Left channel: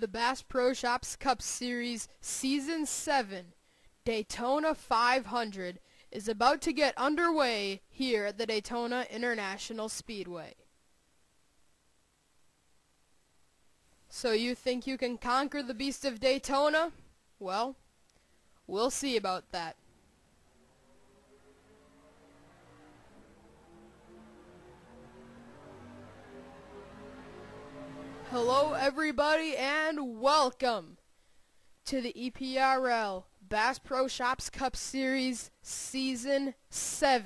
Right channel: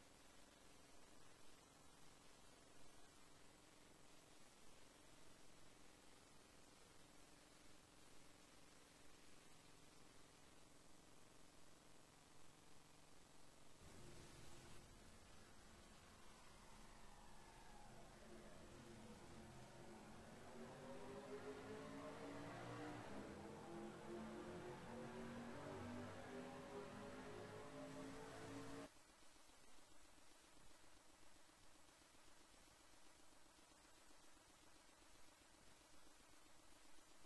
The Bass Pro Shops Cup Series Season 7 Daytona 500 is about to get underway here at the Daytona International Speedway. So you think you can conquer the beast of Daytona? Well, we'll see about that. Hello everybody and welcome to the EPRL Bass Pro Shops Cup Series Season 7.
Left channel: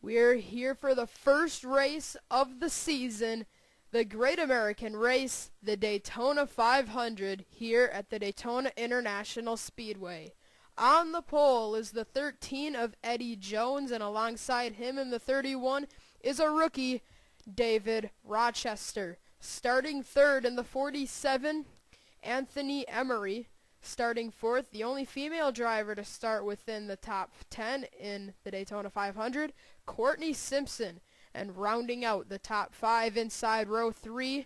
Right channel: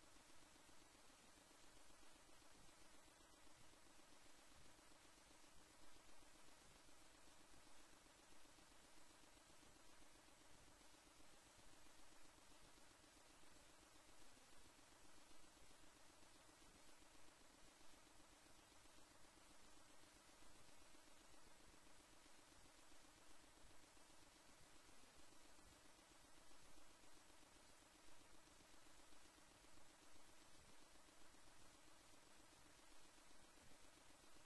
We're here for the first race of the season, the Great American Race, the Daytona 500 here at the Daytona International Speedway. On the pole is the 13 of Eddie Jones, and alongside him in the 31 is a rookie, David Rochester. Starting third in the 47, Anthony Emery. Starting fourth, the only female driver to start within the top 10 in the Daytona 500, Courtney Simpson. And rounding out the top 5 inside row 3,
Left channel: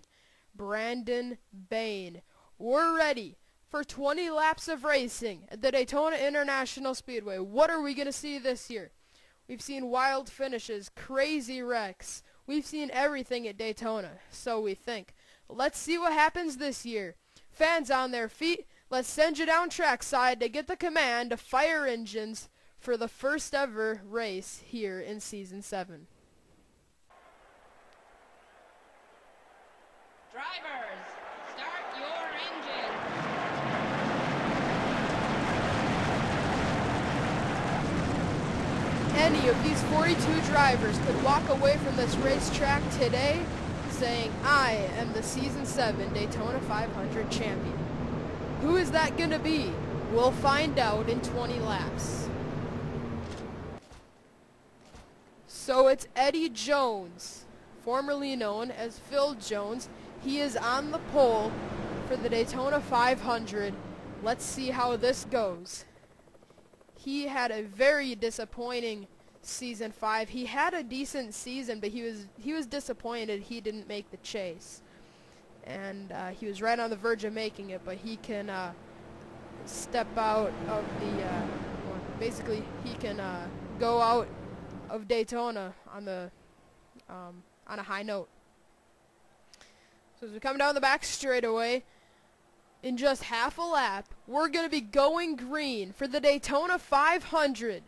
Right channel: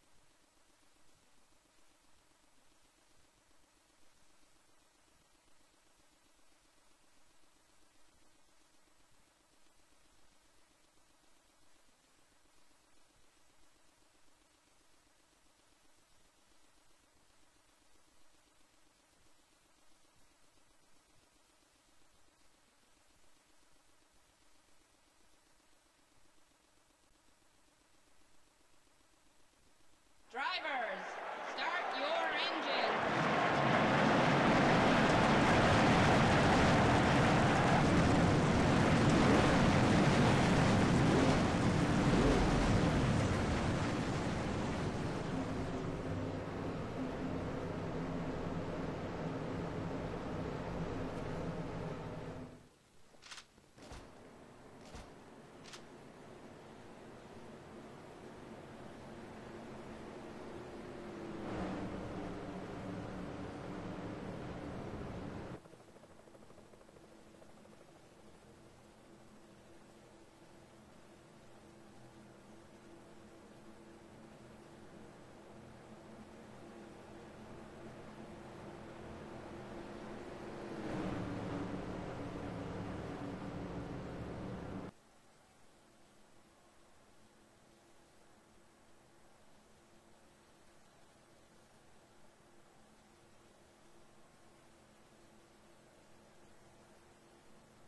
Brandon Bain. We're ready for 20 laps of racing at the Daytona International Speedway. What are we going to see this year? We've seen wild finishes, crazy wrecks. We've seen everything at Daytona, so we think. Let's see what happens this year. Fans on their feet, let's send you down trackside to get the command to fire engines for the first ever race here in Season 7. Drivers, start your engine. Any of these 42 drivers could walk away from this racetrack today saying, I am the Season 7 Daytona 500 champion. Who is that going to be? We'll find out in 20 laps. So it's Eddie Jones, formerly known as Phil Jones. He is on the pole for the Daytona 500. Let's see how this goes. He had a very disappointing Season 5. He had a decent season, but he was disappointed he didn't make the chase. And he was right on the verge of making it, but he can step out of the, basically he can go out of Daytona on the on a high note. So as we come down the back straightaway, in just half a lap, we're going to be going green for the Daytona 500.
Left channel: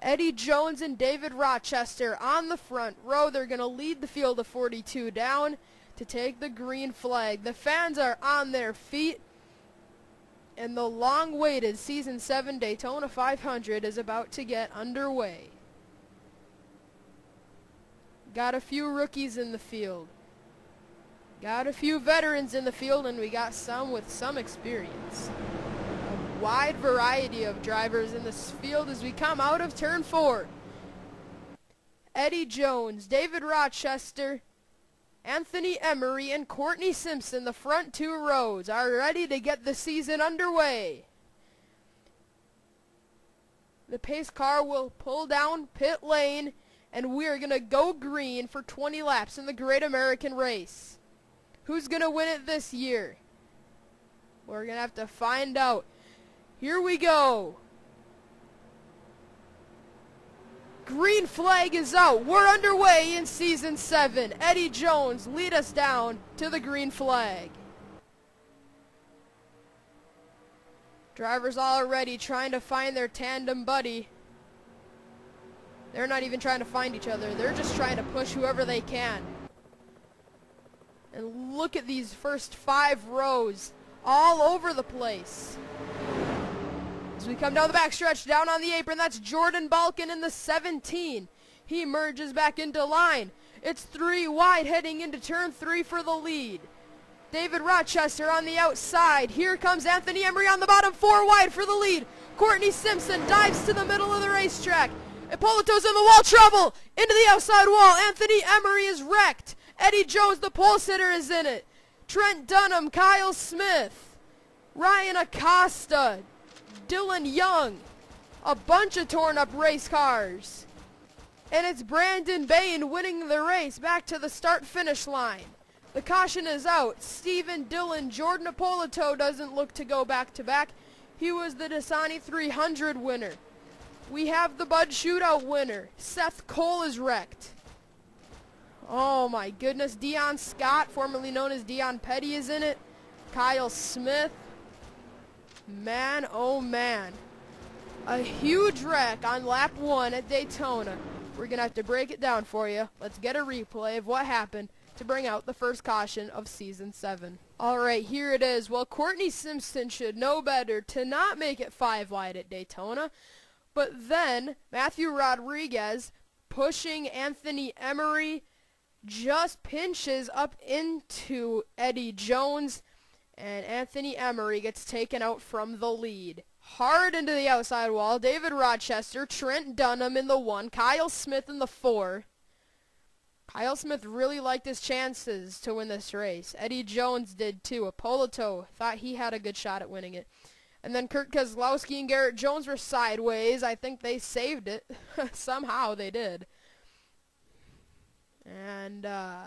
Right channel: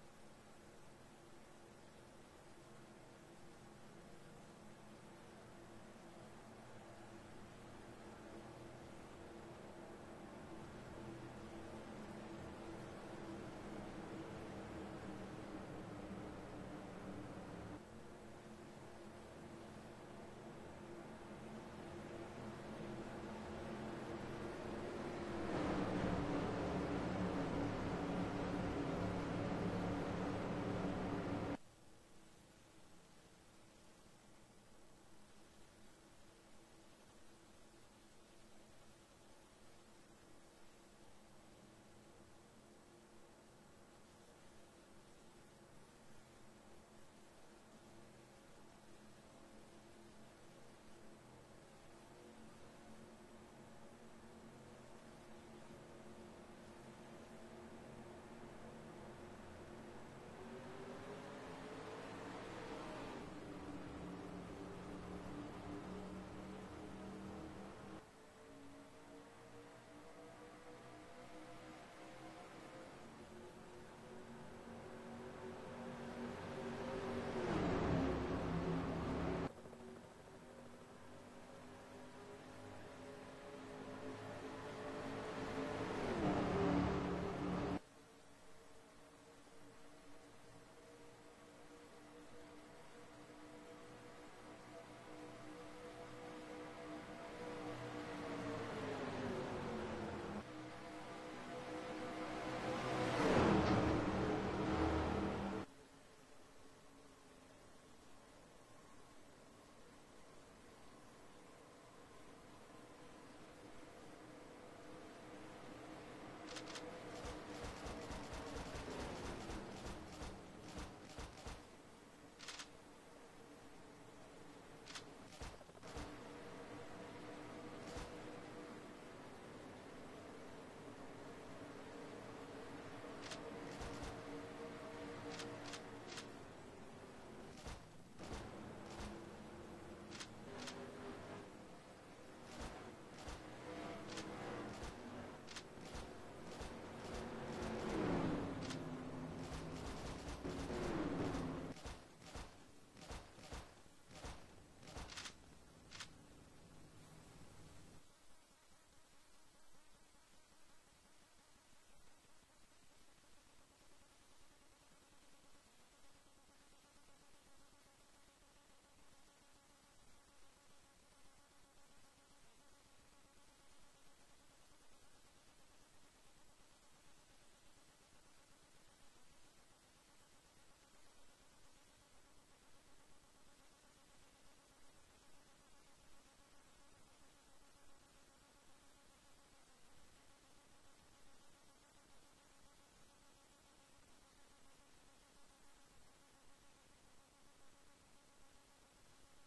Eddie Jones and David Rochester on the front row. They're going to lead the field of 42 down to take the green flag. The fans are on their feet, and the long-awaited Season 7 Daytona 500 is about to get underway. Got a few rookies in the field. Got a few veterans in the field, and we got some with some experience. A wide variety of drivers in this field as we come out of turn 4. Eddie Jones, David Rochester, Anthony Emery, and Courtney Simpson, the front 2 rows, are ready to get the season underway. The pace car will pull down pit lane, and we are going to go green for 20 laps in the Great American Race. Who's going to win it this year? We're going to have to find out. Here we go. Green flag is out. We're underway in Season 7. Eddie Jones, lead us down to the green flag. Drivers already trying to find their tandem buddy. They're not even trying to find each other. They're just trying to push whoever they can. And look at these first 5 rows all over the place. As we come down the backstretch, down on the apron, that's Jordan Balkin in the 17. He merges back into line. It's 3 wide heading into turn 3 for the lead. David Rochester on the outside. Here comes Anthony Emery on the bottom, 4 wide for the lead. Courtney Simpson dives to the middle of the racetrack. Ippolito's in the wall trouble. Into the outside wall. Anthony Emery is wrecked. Eddie Jones, the pole sitter, is in it. Trent Dunham, Kyle Smith, Ryan Acosta, Dylan Young. A bunch of torn up race cars. And it's Brandon Bain winning the race back to the start-finish line. The caution is out. Stephen Dillon, Jordan Ippolito doesn't look to go back-to-back. He was the Dasani 300 winner. We have the Bud Shootout winner. Seth Cole is wrecked. Oh my goodness. Dion Scott, formerly known as Dion Petty, is in it. Kyle Smith. Man, oh man. A huge wreck on lap 1 at Daytona. We're going to have to break it down for you. Let's get a replay of what happened to bring out the first caution of Season 7. Alright, here it is. Well, Courtney Simpson should know better to not make it 5 wide at Daytona. But then, Matthew Rodriguez, pushing Anthony Emery, just pinches up into Eddie Jones, and Anthony Emery gets taken out from the lead. Hard into the outside wall, David Rochester, Trent Dunham in the 1, Kyle Smith in the 4. Kyle Smith really liked his chances to win this race. Eddie Jones did too. Ippolito thought he had a good shot at winning it. And then Kurt Keselowski and Garrett Jones were sideways. I think they saved it. Somehow they did. And, I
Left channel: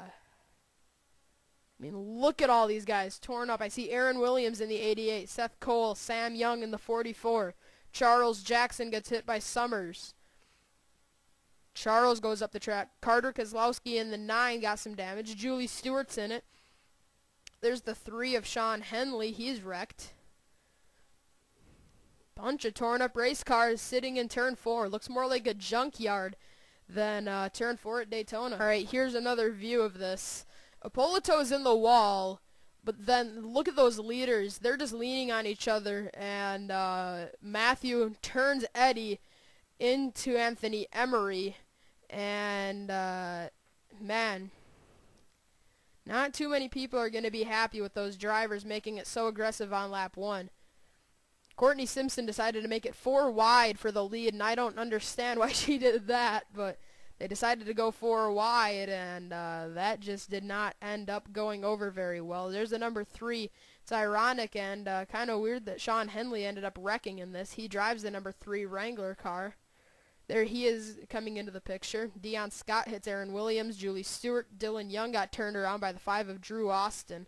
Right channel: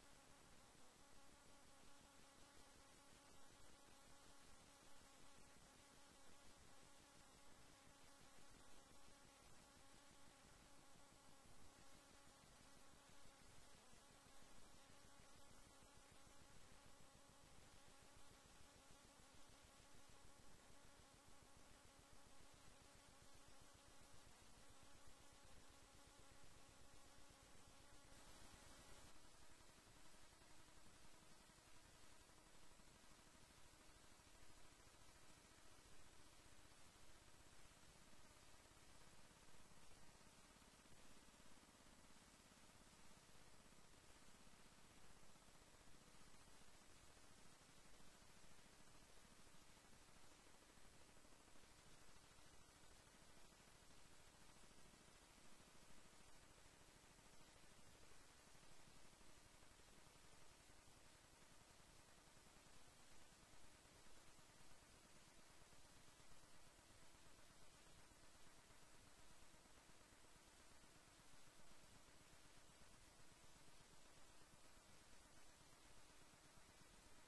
mean, look at all these guys torn up. I see Aaron Williams in the 88, Seth Cole, Sam Young in the 44. Charles Jackson gets hit by Summers. Charles goes up the track. Carter Keselowski in the 9 got some damage. Julie Stewart's in it. There's the 3 of Sean Henley. He's wrecked. Bunch of torn up race cars sitting in turn 4. Looks more like a junkyard than turn 4 at Daytona. Alright, here's another view of this. Ippolito's in the wall, but then look at those leaders. They're just leaning on each other, and Matthew turns Eddie into Anthony Emery, and man, not too many people are going to be happy with those drivers making it so aggressive on lap 1. Courtney Simpson decided to make it 4 wide for the lead, and I don't understand why she did that, but they decided to go 4 wide, and that just did not end up going over very well. There's the number 3. It's ironic and kind of weird that Sean Henley ended up wrecking in this. He drives the number 3 Wrangler car. There he is coming into the picture. Dion Scott hits Aaron Williams. Julie Stewart. Dylan Young got turned around by the 5 of Drew Austin.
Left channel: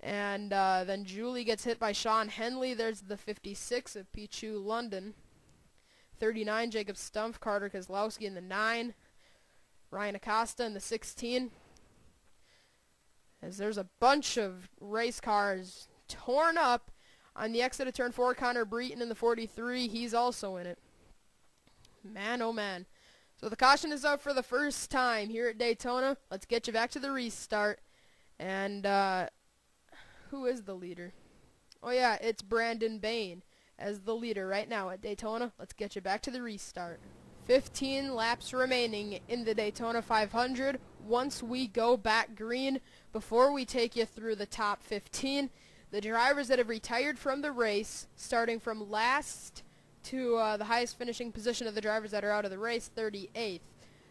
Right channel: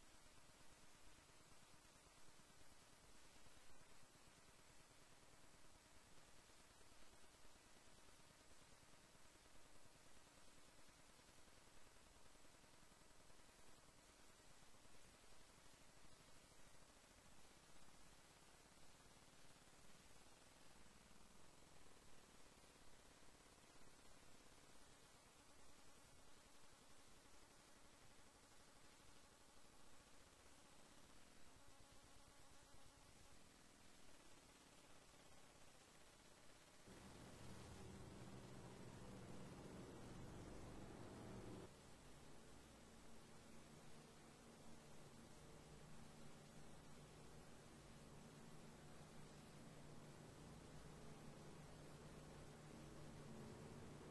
And then Julie gets hit by Sean Henley. There's the 56 of Pichu London. 39, Jacob Stumpf. Carter Keselowski in the 9. Ryan Acosta in the 16. As there's a bunch of race cars torn up on the exit of turn 4. Connor Breton in the 43. He's also in it. Man, oh man. So the caution is out for the first time here at Daytona. Let's get you back to the restart. And who is the leader? Oh yeah, it's Brandon Bain as the leader right now at Daytona. Let's get you back to the restart. 15 laps remaining in the Daytona 500. Once we go back green, before we take you through the top 15, the drivers that have retired from the race, starting from last to the highest finishing position of the drivers that are out of the race, 38th.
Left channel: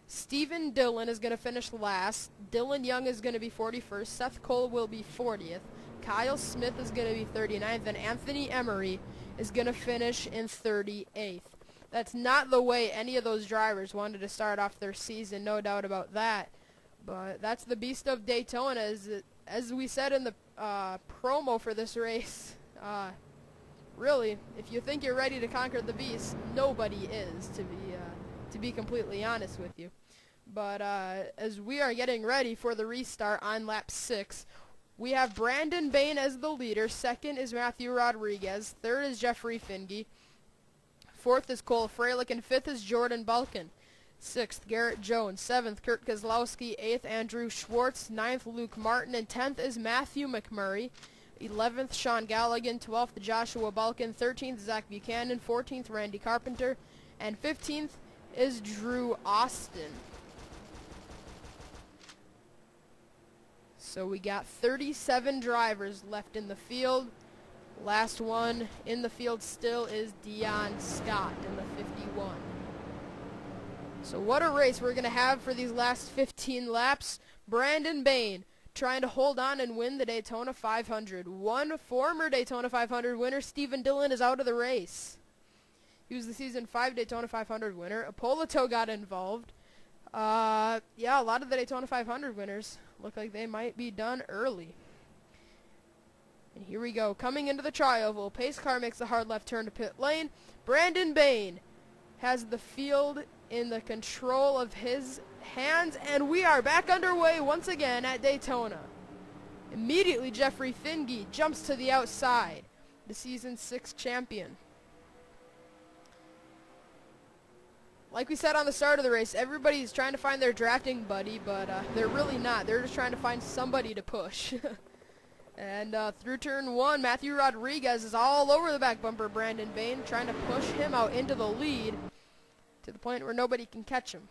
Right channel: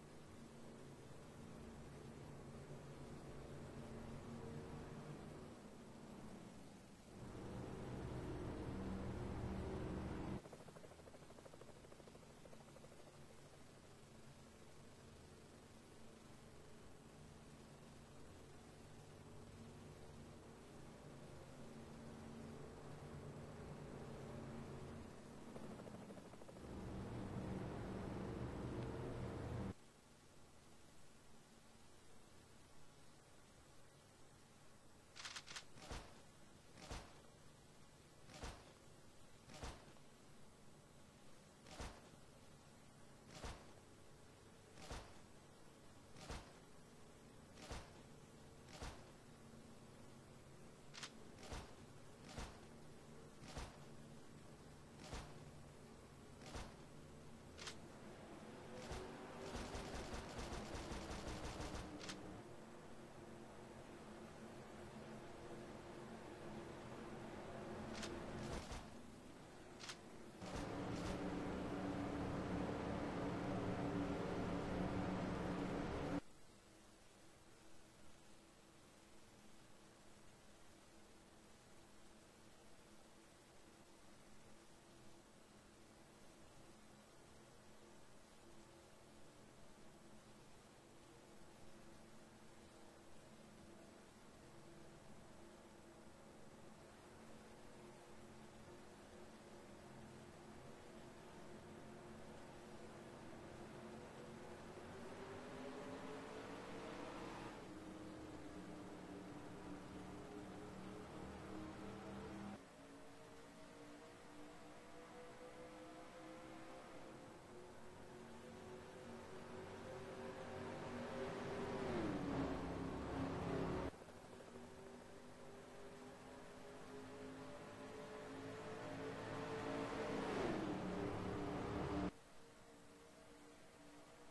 Stephen Dillon is going to finish last. Dylan Young is going to be 41st. Seth Cole will be 40th. Kyle Smith is going to be 39th. And Anthony Emery is going to finish in 38th. That's not the way any of those drivers wanted to start off their season, no doubt about that. But that's the beast of Daytona, as we said in the promo for this race. Really, if you think you're ready to conquer the beast, nobody is, to be completely honest with you. But as we are getting ready for the restart on lap 6, we have Brandon Bain as the leader. Second is Matthew Rodriguez. Third is Jeffrey Finge. Fourth is Cole Freilich, and fifth is Jordan Balkin. Sixth, Garrett Jones. Seventh, Kurt Keselowski. Eighth, Andrew Schwartz. Ninth, Luke Martin. And 10th is Matthew McMurray. 11th, Sean Galligan. 12th, Joshua Balkin. 13th, Zach Buchanan. 14th, Randy Carpenter. And 15th is Drew Austin. So we got 37 drivers left in the field. Last one in the field still is Dion Scott in the 51. So what a race we're going to have for these last 15 laps. Brandon Bain trying to hold on and win the Daytona 500. One former Daytona 500 winner, Stephen Dillon, is out of the race. He was the Season 5 Daytona 500 winner. Ippolito got involved. Yeah, a lot of the Daytona 500 winners Look like they might be done early. And here we go. Coming into the tri-oval. Pace car makes a hard left turn to pit lane. Brandon Bain has the field in the control of his hands. And we are back underway once again at Daytona. Immediately, Jeffrey Finge jumps to the outside. The season 6 champion. Like we said on the start of the race, everybody's trying to find their drafting buddy, but they're really not. They're just trying to find somebody to push. And through turn 1, Matthew Rodriguez is all over the back bumper of Brandon Bain, trying to push him out into the lead to the point where nobody can catch him.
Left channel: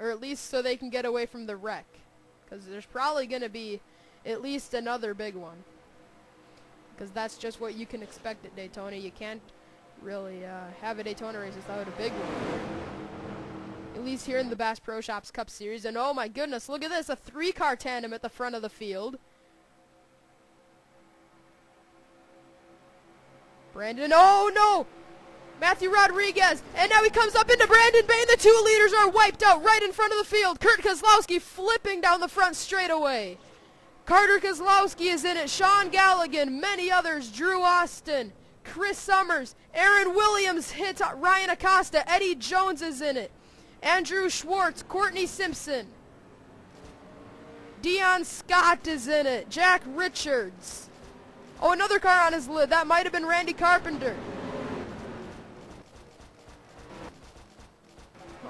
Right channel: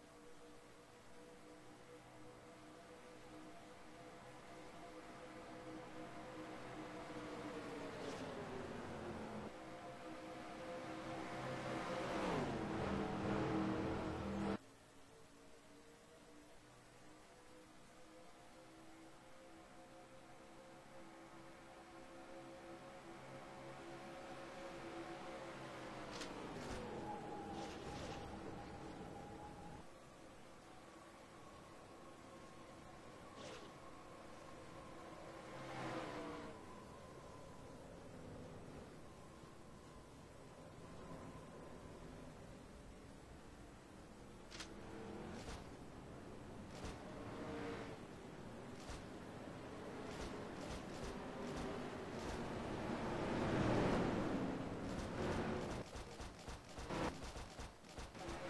Or at least so they can get away from the wreck. Because there's probably going to be at least another big one. Because that's just what you can expect at Daytona. You can't really have a Daytona race without a big one. At least here in the Bass Pro Shops Cup Series. And oh my goodness, look at this, a 3-car tandem at the front of the field. Brandon, oh no! Matthew Rodriguez, and now he comes up into Brandon Bain. The 2 leaders are wiped out right in front of the field. Kurt Kozlowski flipping down the front straightaway. Carter Kozlowski is in it. Sean Galligan, many others. Drew Austin, Chris Summers, Aaron Williams hits Ryan Acosta. Eddie Jones is in it. Andrew Schwartz, Courtney Simpson. Dion Scott is in it. Jack Richards. Oh, another car on his lid. That might have been Randy Carpenter.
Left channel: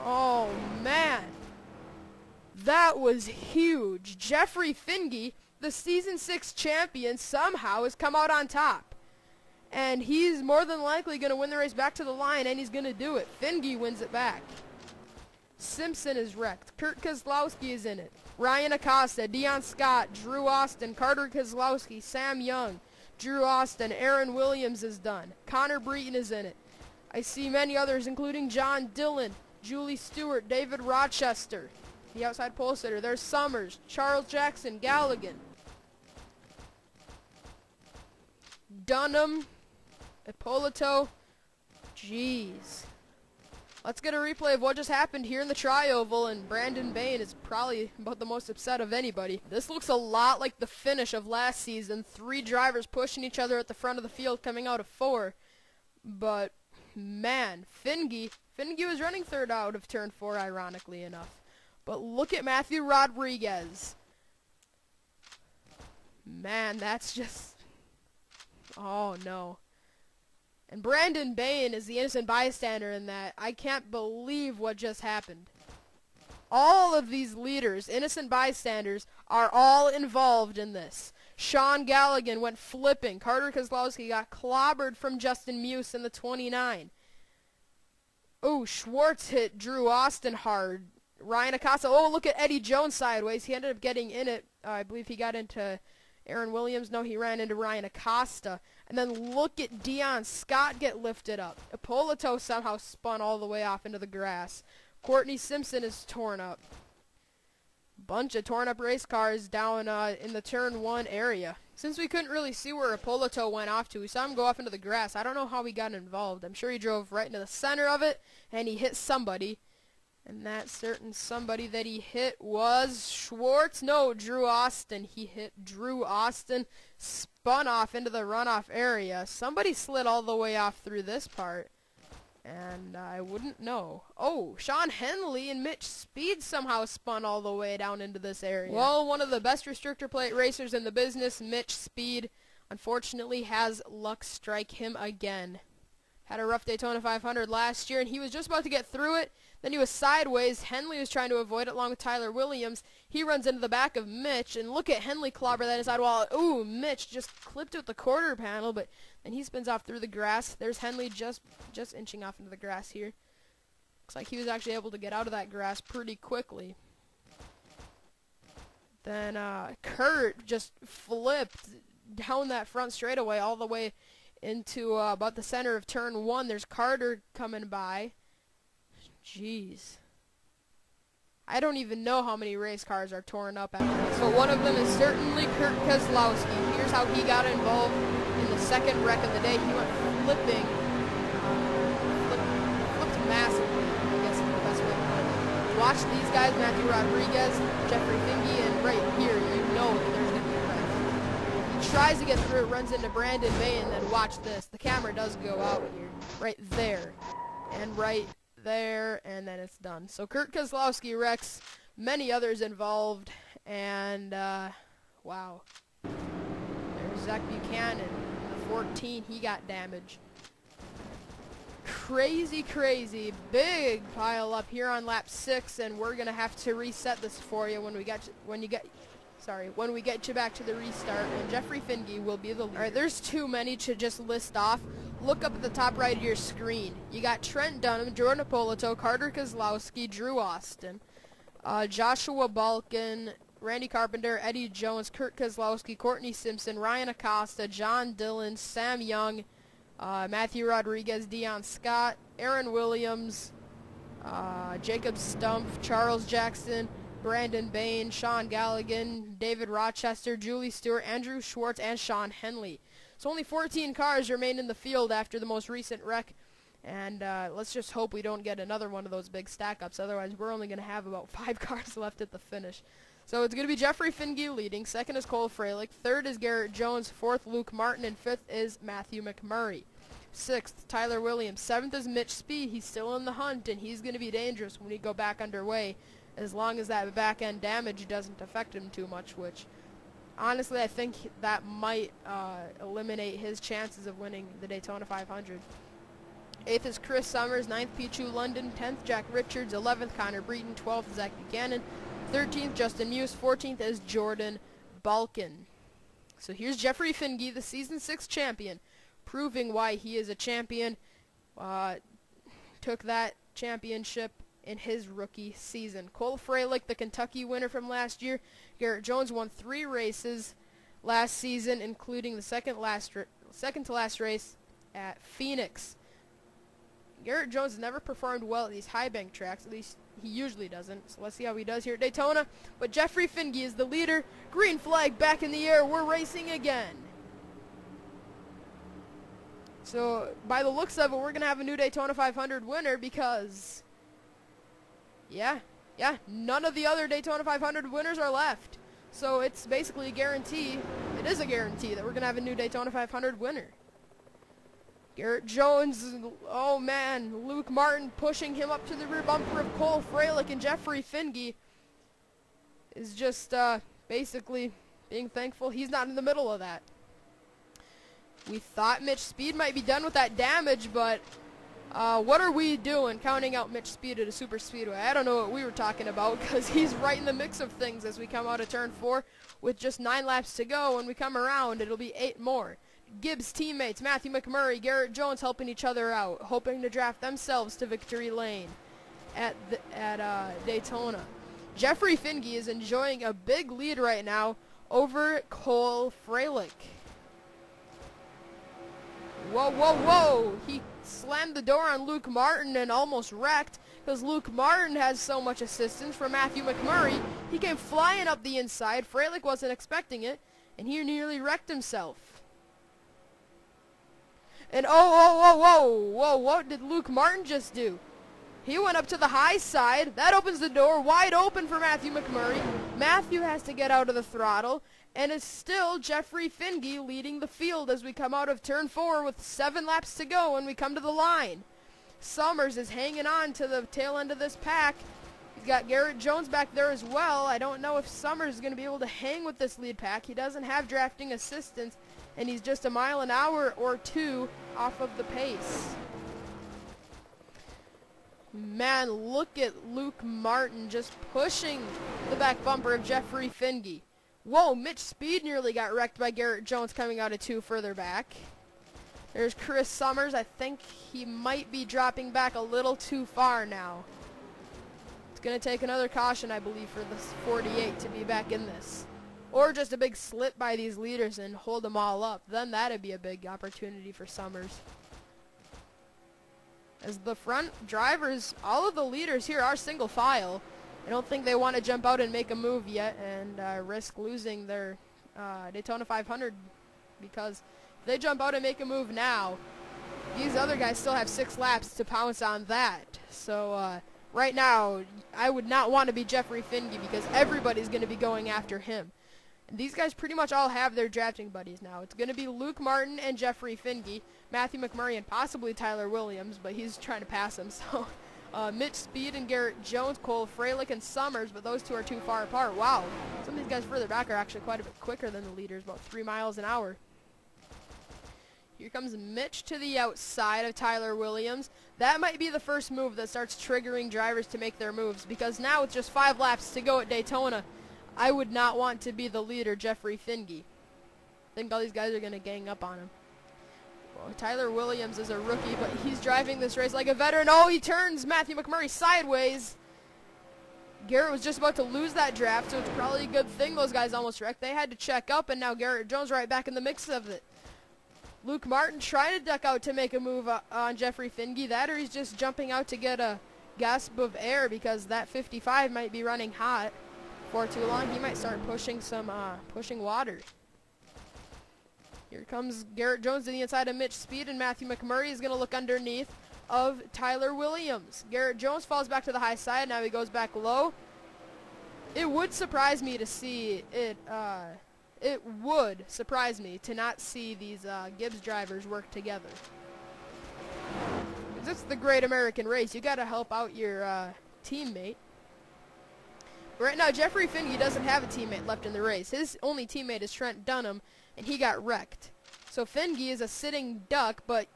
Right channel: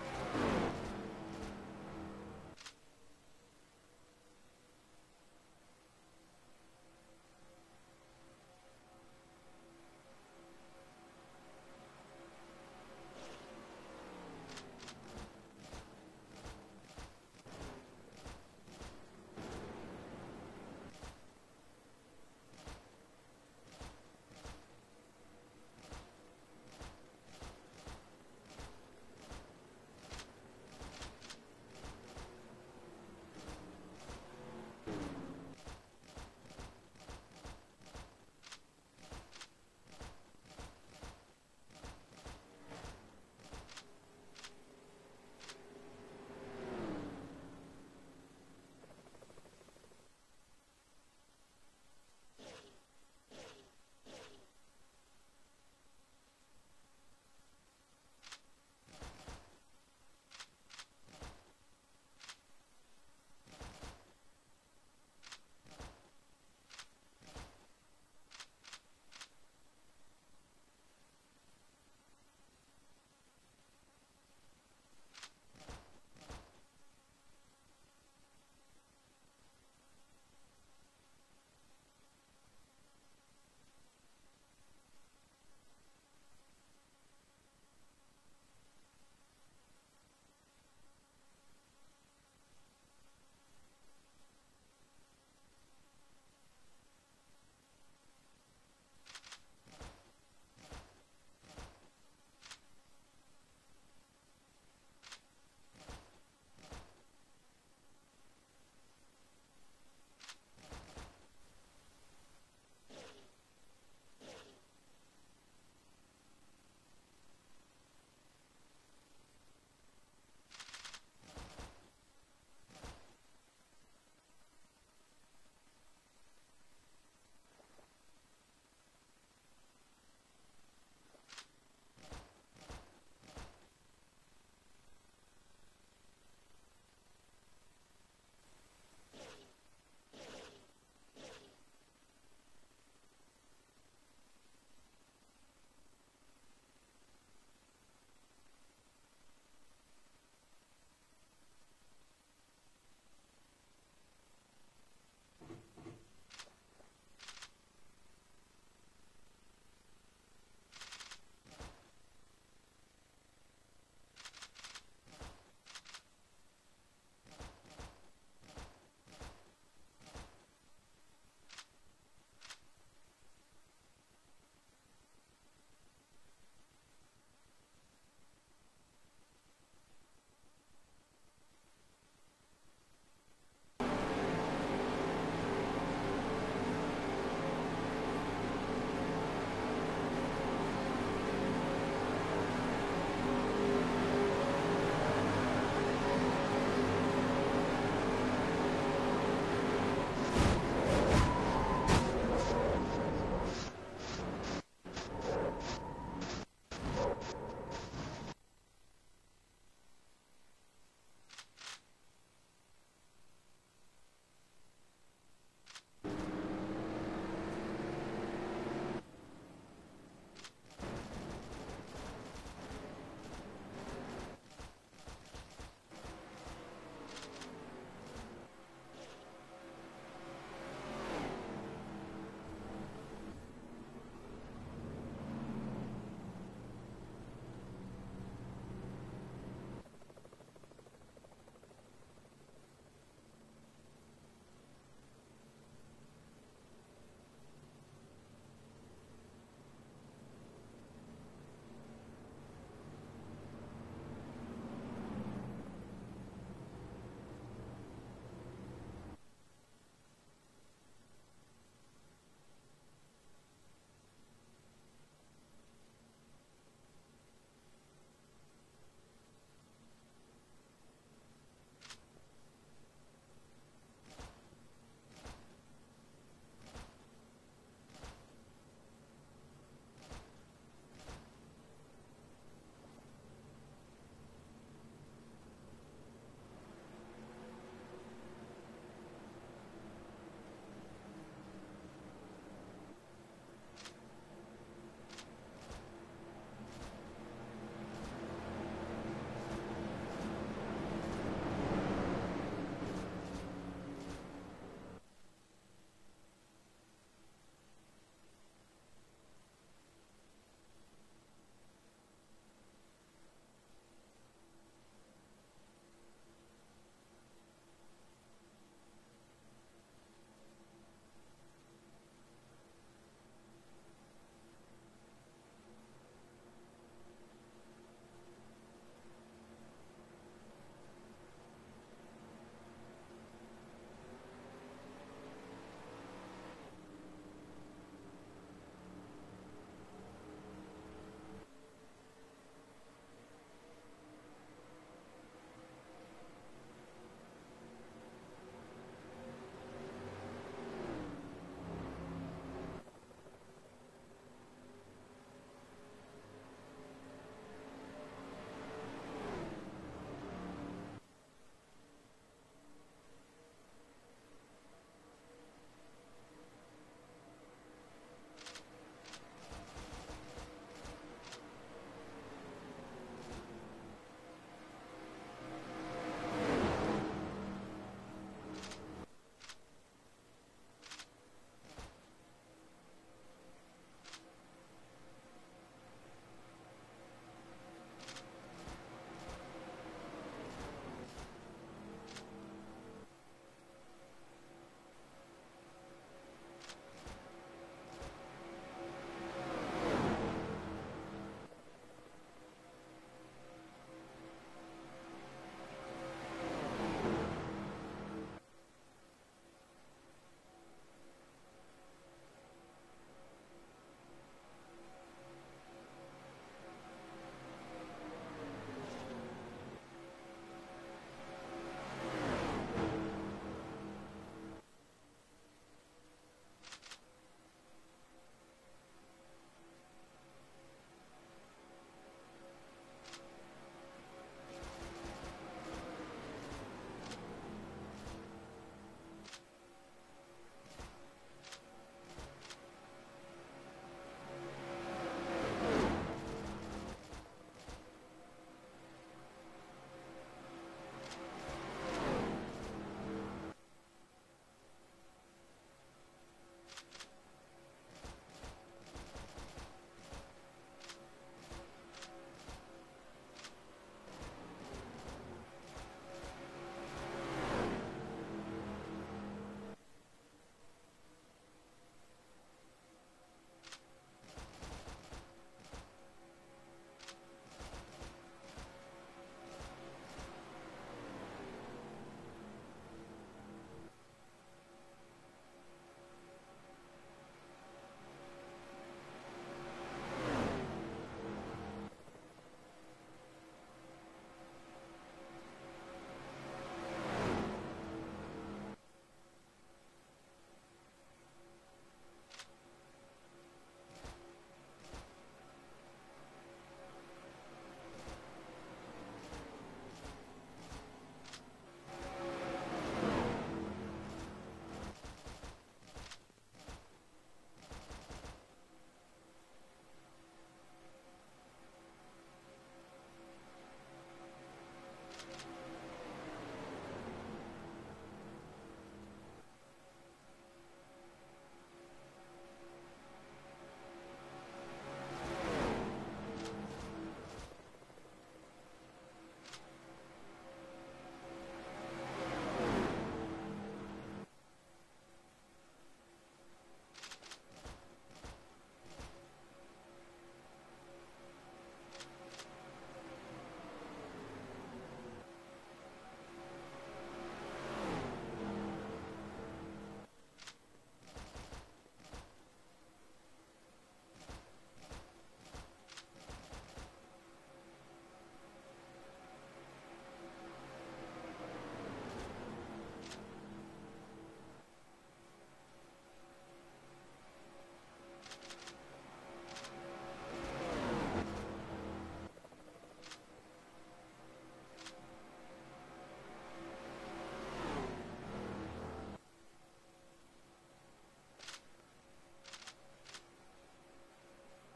Oh, man. That was huge. Jeffrey Finge, the season 6 champion, somehow has come out on top. And he's more than likely going to win the race back to the line, and he's going to do it. Finge wins it back. Simpson is wrecked. Kurt Kozlowski is in it. Ryan Acosta, Dion Scott, Drew Austin, Carter Kozlowski, Sam Young, Drew Austin, Aaron Williams is done. Connor Breton is in it. I see many others, including John Dillon, Julie Stewart, David Rochester, the outside pole sitter. There's Summers, Charles Jackson, Galligan, Dunham, Ippolito. Jeez. Let's get a replay of what just happened here in the tri-oval, and Brandon Bain is probably about the most upset of anybody. This looks a lot like the finish of last season. 3 drivers pushing each other at the front of the field coming out of 4. But, man, Finge was running 3rd out of turn 4, ironically enough. But look at Matthew Rodriguez. Man, that's just... oh, no. And Brandon Bain is the innocent bystander in that. I can't believe what just happened. All of these leaders, innocent bystanders, are all involved in this. Sean Galligan went flipping. Carter Kozlowski got clobbered from Justin Muse in the 29. Oh, Schwartz hit Drew Austin hard. Ryan Acosta, oh, look at Eddie Jones sideways. He ended up getting in it. I believe he got into Aaron Williams. No, he ran into Ryan Acosta. And then look at Dion Scott get lifted up. Ippolito somehow spun all the way off into the grass. Courtney Simpson is torn up. Bunch of torn up race cars down in the turn 1 area. Since we couldn't really see where Ippolito went off to, we saw him go off into the grass. I don't know how he got involved. I'm sure he drove right into the center of it, and he hit somebody. And that certain somebody that he hit was Schwartz. No, Drew Austin. He hit Drew Austin. Spun off into the runoff area. Somebody slid all the way off through this part. And I wouldn't know. Oh, Sean Henley and Mitch Speed somehow spun all the way down into this area. Well, one of the best restrictor plate racers in the business, Mitch Speed, unfortunately has luck strike him again. Had a rough Daytona 500 last year, and he was just about to get through it. Then he was sideways. Henley was trying to avoid it along with Tyler Williams. He runs into the back of Mitch, and look at Henley clobber that inside wall. Ooh, Mitch just clipped with the quarter panel, but then he spins off through the grass. There's Henley just inching off into the grass here. Looks like he was actually able to get out of that grass pretty quickly. Then Kurt just flipped down that front straightaway all the way into about the center of turn 1. There's Carter coming by. Jeez. I don't even know how many race cars are torn up after this. So one of them is certainly Kurt Kozlowski. Here's how he got involved in the second wreck of the day. He went flipping. Flipped massively, I guess is the best way to put it. Watch these guys, Matthew Rodriguez, Jeffrey Finge, and right here, tries to get through it, runs into Brandon Bay, and then watch this. The camera does go out here. Right there. And right there, and then it's done. So Kurt Kozlowski wrecks many others involved, and wow. There's Zach Buchanan, 14, he got damaged. Crazy, crazy, big pile up here on lap 6, and we're gonna have to reset this for you when we get you back to the restart. And Jeffrey Finge will be the. All right, there's too many to just list off. Look up at the top right of your screen. You got Trent Dunham, Jordan Apolito, Carter Kozlowski, Drew Austin, Joshua Balkin, Randy Carpenter, Eddie Jones, Kurt Kozlowski, Courtney Simpson, Ryan Acosta, John Dillon, Sam Young, Matthew Rodriguez, Dion Scott, Aaron Williams, Jacob Stumpf, Charles Jackson, Brandon Bain, Sean Galligan, David Rochester, Julie Stewart, Andrew Schwartz, and Sean Henley. So only 14 cars remain in the field after the most recent wreck, and let's just hope we don't get another one of those big stack-ups. Otherwise, we're only going to have about 5 cars left at the finish. So it's going to be Jeffrey Finge leading. Second is Cole Freilich. Third is Garrett Jones. Fourth, Luke Martin. And fifth is Matthew McMurray. Sixth, Tyler Williams. Seventh is Mitch Speed. He's still in the hunt, and he's going to be dangerous when we go back underway, as long as that back-end damage doesn't affect him too much, which honestly I think that might eliminate his chances of winning the Daytona 500. 8th is Chris Summers. 9th, Pichu London. 10th, Jack Richards. 11th, Connor Breton. 12th, Zach Buchanan. 13th, Justin Muse. 14th is Jordan Balkin. So here's Jeffrey Finge, the Season 6 champion, proving why he is a champion. Took that championship in his rookie season. Cole Freilich, the Kentucky winner from last year. Garrett Jones won 3 races last season, including the second to last race at Phoenix. Garrett Jones never performed well at these high bank tracks, at least he usually doesn't. So let's see how he does here at Daytona. But Jeffrey Finge is the leader. Green flag back in the air. We're racing again. So by the looks of it, we're going to have a new Daytona 500 winner because, yeah, none of the other Daytona 500 winners are left. So it's basically a guarantee. It is a guarantee that we're going to have a new Daytona 500 winner. Garrett Jones, oh man, Luke Martin pushing him up to the rear bumper of Cole Freilich, and Jeffrey Finge is just basically being thankful he's not in the middle of that. We thought Mitch Speed might be done with that damage, but what are we doing counting out Mitch Speed at a super speedway? I don't know what we were talking about, because he's right in the mix of things as we come out of turn 4 with just 9 laps to go. When we come around, it'll be 8 more. Gibbs teammates, Matthew McMurray, Garrett Jones helping each other out, hoping to draft themselves to victory lane at Daytona. Jeffrey Finge is enjoying a big lead right now over Cole Freilich. Whoa, whoa, whoa! He slammed the door on Luke Martin and almost wrecked, because Luke Martin has so much assistance from Matthew McMurray. He came flying up the inside. Freilich wasn't expecting it, and he nearly wrecked himself. And whoa, what did Luke Martin just do? He went up to the high side. That opens the door wide open for Matthew McMurray. Matthew has to get out of the throttle, and it's still Jeffrey Finge leading the field as we come out of turn 4 with 7 laps to go when we come to the line. Summers is hanging on to the tail end of this pack. You got Garrett Jones back there as well. I don't know if Summers is going to be able to hang with this lead pack. He doesn't have drafting assistance, and he's just a mile an hour or 2 off of the pace. Man, look at Luke Martin just pushing the back bumper of Jeffrey Finge. Whoa, Mitch Speed nearly got wrecked by Garrett Jones coming out of 2 further back. There's Chris Summers. I think he might be dropping back a little too far now. It's going to take another caution, I believe, for this 48 to be back in this. Or just a big slip by these leaders and hold them all up. Then that'd be a big opportunity for Summers. As the front drivers, all of the leaders here are single file. I don't think they want to jump out and make a move yet and risk losing their Daytona 500, because if they jump out and make a move now, these other guys still have 6 laps to pounce on that. So right now, I would not want to be Jeffrey Finge, because everybody's going to be going after him. These guys pretty much all have their drafting buddies now. It's going to be Luke Martin and Jeffrey Finge, Matthew McMurray, and possibly Tyler Williams, but he's trying to pass him. So Mitch Speed and Garrett Jones, Cole Freilich and Summers, but those two are too far apart. Wow, some of these guys further back are actually quite a bit quicker than the leaders, about 3 miles an hour. Here comes Mitch to the outside of Tyler Williams. That might be the first move that starts triggering drivers to make their moves, because now with just 5 laps to go at Daytona, I would not want to be the leader, Jeffrey Finge. I think all these guys are going to gang up on him. Well, Tyler Williams is a rookie, but he's driving this race like a veteran. Oh, he turns Matthew McMurray sideways. Garrett was just about to lose that draft, so it's probably a good thing those guys almost wrecked. They had to check up, and now Garrett Jones right back in the mix of it. Luke Martin trying to duck out to make a move on Jeffrey Finge. That, or he's just jumping out to get a gasp of air, because that 55 might be running hot. For too long, he might start pushing some water. Here comes Garrett Jones to the inside of Mitch Speed, and Matthew McMurray is going to look underneath of Tyler Williams. Garrett Jones falls back to the high side. Now he goes back low. It would surprise me to see it. It would surprise me to not see these Gibbs drivers work together. This is the great American race. You got to help out your teammate. Right now, Jeffrey Finge doesn't have a teammate left in the race. His only teammate is Trent Dunham, and he got wrecked. So Finge is a sitting duck, but,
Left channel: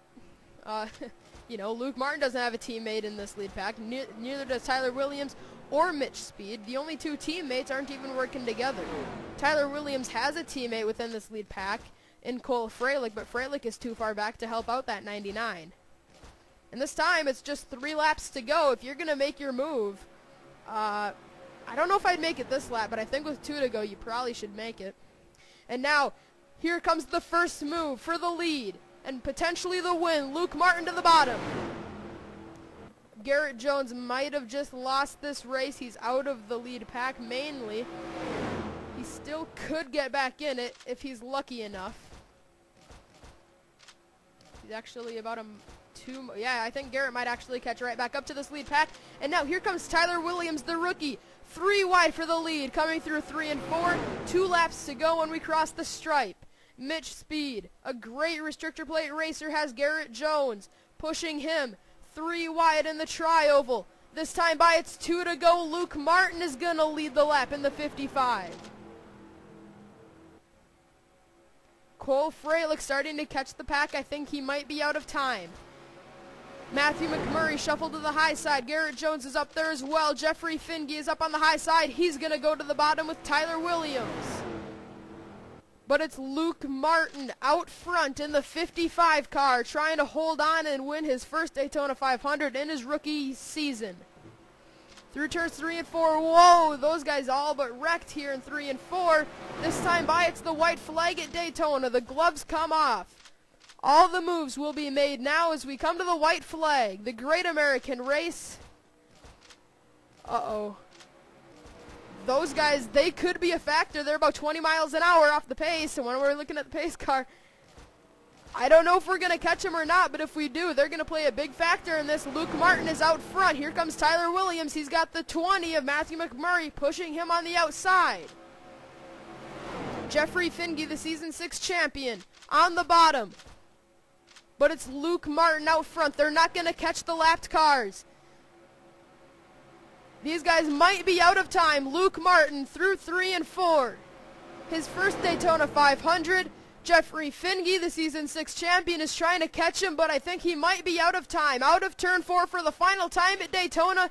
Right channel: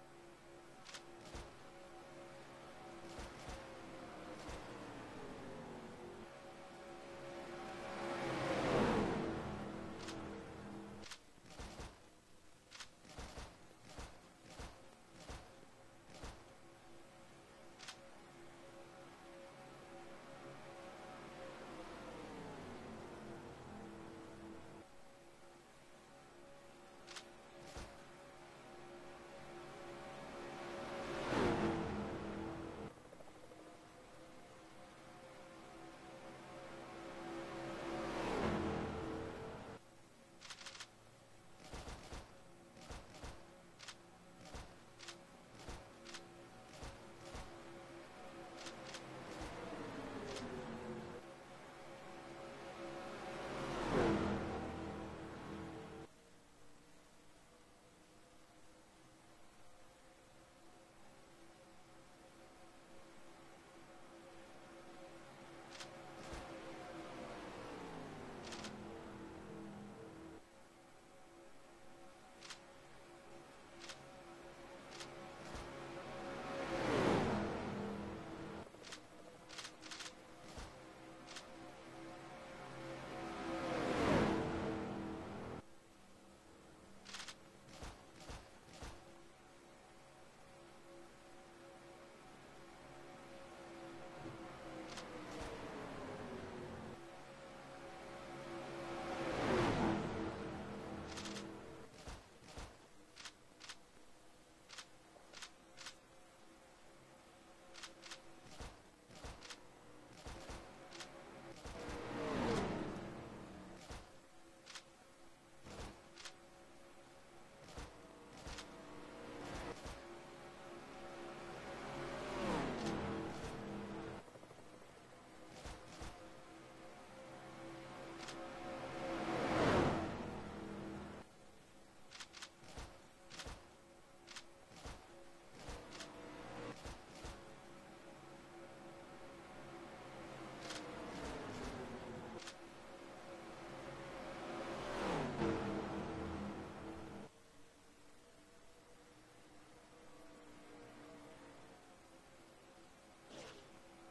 you know, Luke Martin doesn't have a teammate in this lead pack. Neither does Tyler Williams or Mitch Speed. The only 2 teammates aren't even working together. Tyler Williams has a teammate within this lead pack in Cole Freilich, but Freilich is too far back to help out that 99. And this time, it's just 3 laps to go. If you're going to make your move, I don't know if I'd make it this lap, but I think with 2 to go, you probably should make it. And now, here comes the first move for the lead and potentially the win. Luke Martin to the bottom. Garrett Jones might have just lost this race. He's out of the lead pack mainly. He still could get back in it if he's lucky enough. He's actually about yeah, I think Garrett might actually catch right back up to this lead pack. And now here comes Tyler Williams, the rookie. 3 wide for the lead, coming through 3 and 4. 2 laps to go when we cross the stripe. Mitch Speed, a great restrictor plate racer, has Garrett Jones pushing him 3 wide in the tri-oval. This time by it's 2 to go. Luke Martin is going to lead the lap in the 55. Cole Freilich starting to catch the pack. I think he might be out of time. Matthew McMurray shuffled to the high side. Garrett Jones is up there as well. Jeffrey Finge is up on the high side. He's going to go to the bottom with Tyler Williams. But it's Luke Martin out front in the 55 car, trying to hold on and win his first Daytona 500 in his rookie season. Through turns 3 and 4, whoa, those guys all but wrecked here in 3 and 4. This time by, it's the white flag at Daytona. The gloves come off. All the moves will be made now as we come to the white flag, the great American race. Uh-oh. Those guys, they could be a factor. They're about 20 miles an hour off the pace, and when we're looking at the pace car, I don't know if we're going to catch them or not, but if we do, they're going to play a big factor in this. Luke Martin is out front. Here comes Tyler Williams. He's got the 20 of Matthew McMurray pushing him on the outside. Jeffrey Finge, the Season 6 champion, on the bottom. But it's Luke Martin out front. They're not going to catch the lapped cars. These guys might be out of time. Luke Martin through 3 and 4. His first Daytona 500. Jeffrey Finge, the Season 6 champion, is trying to catch him, but I think he might be out of time. Out of turn 4 for the final time at Daytona.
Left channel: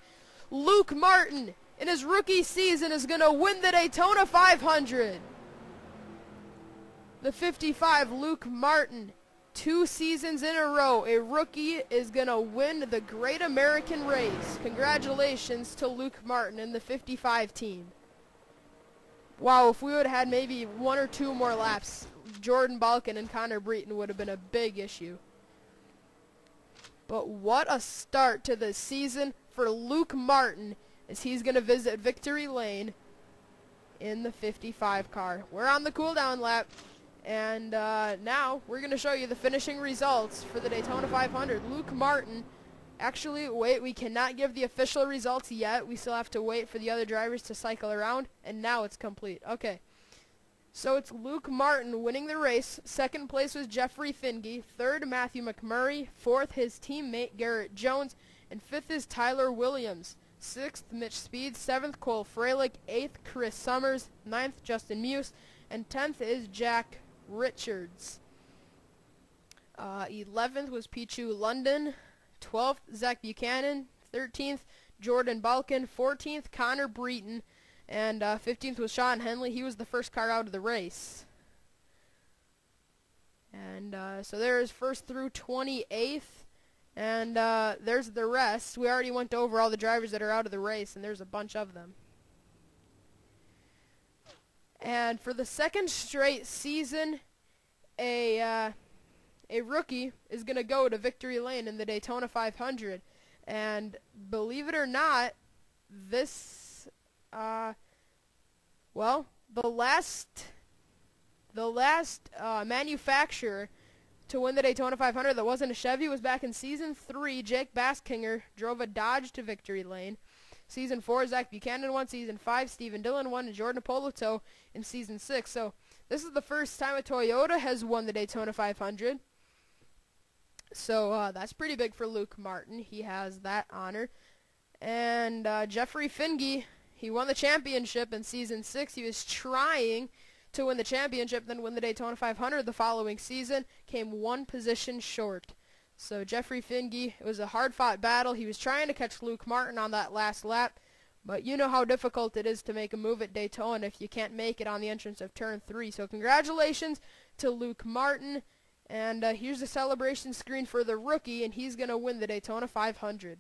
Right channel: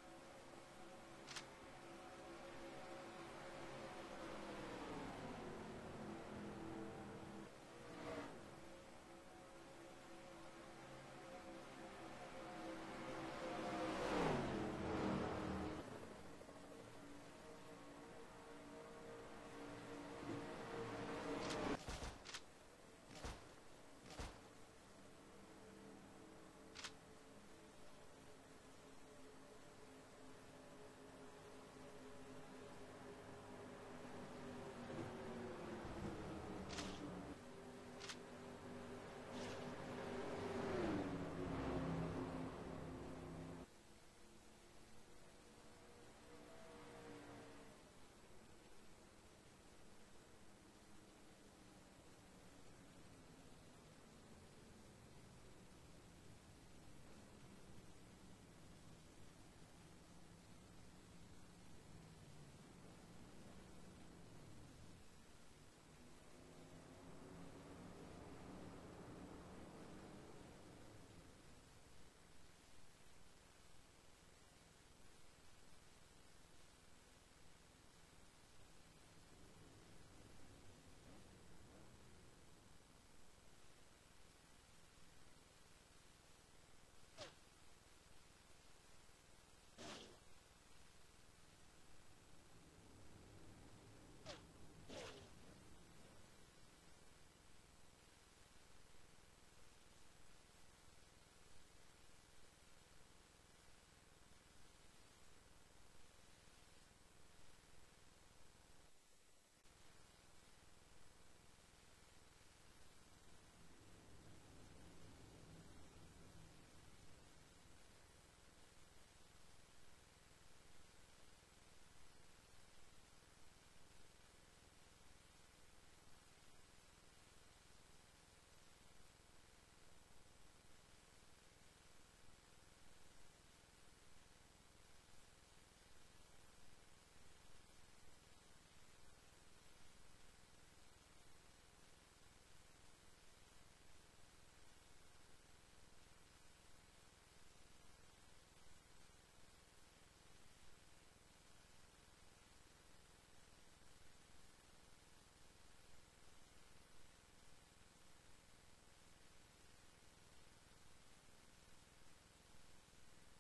Luke Martin, in his rookie season, is going to win the Daytona 500. The 55, Luke Martin. 2 seasons in a row, a rookie is going to win the Great American Race. Congratulations to Luke Martin and the 55 team. Wow, if we would have had maybe 1 or 2 more laps, Jordan Balkin and Connor Breton would have been a big issue. But what a start to the season for Luke Martin as he's going to visit Victory Lane in the 55 car. We're on the cool-down lap. And now we're going to show you the finishing results for the Daytona 500. Luke Martin, actually, wait, we cannot give the official results yet. We still have to wait for the other drivers to cycle around, and now it's complete. Okay, So it's Luke Martin winning the race. Second place was Jeffrey Finge. Third, Matthew McMurray. Fourth, his teammate Garrett Jones. And fifth is Tyler Williams. Sixth, Mitch Speed. Seventh, Cole Freilich. Eighth, Chris Summers. Ninth, Justin Muse. And 10th is Jack Richards. 11th was Pichu London. 12th, Zach Buchanan. 13th, Jordan Balkin. 14th, Connor Breton. And 15th was Sean Henley. He was the first car out of the race. And so there's first through 28th. And there's the rest. We already went over all the drivers that are out of the race, and there's a bunch of them. And for the second straight season, a rookie is going to go to victory lane in the Daytona 500. And believe it or not, this the last manufacturer to win the Daytona 500 that wasn't a Chevy was back in Season 3. Jake Baskinger drove a Dodge to victory lane. Season 4, Zach Buchanan won. Season 5, Stephen Dillon won. And Jordan Appolito in Season 6. So this is the first time a Toyota has won the Daytona 500. So that's pretty big for Luke Martin. He has that honor. And Jeffrey Finge, he won the championship in Season 6. He was trying to win the championship, then win the Daytona 500 the following season. Came one position short. So Jeffrey Finge, it was a hard-fought battle. He was trying to catch Luke Martin on that last lap. But you know how difficult it is to make a move at Daytona if you can't make it on the entrance of Turn 3. So congratulations to Luke Martin. And here's the celebration screen for the rookie, and he's going to win the Daytona 500.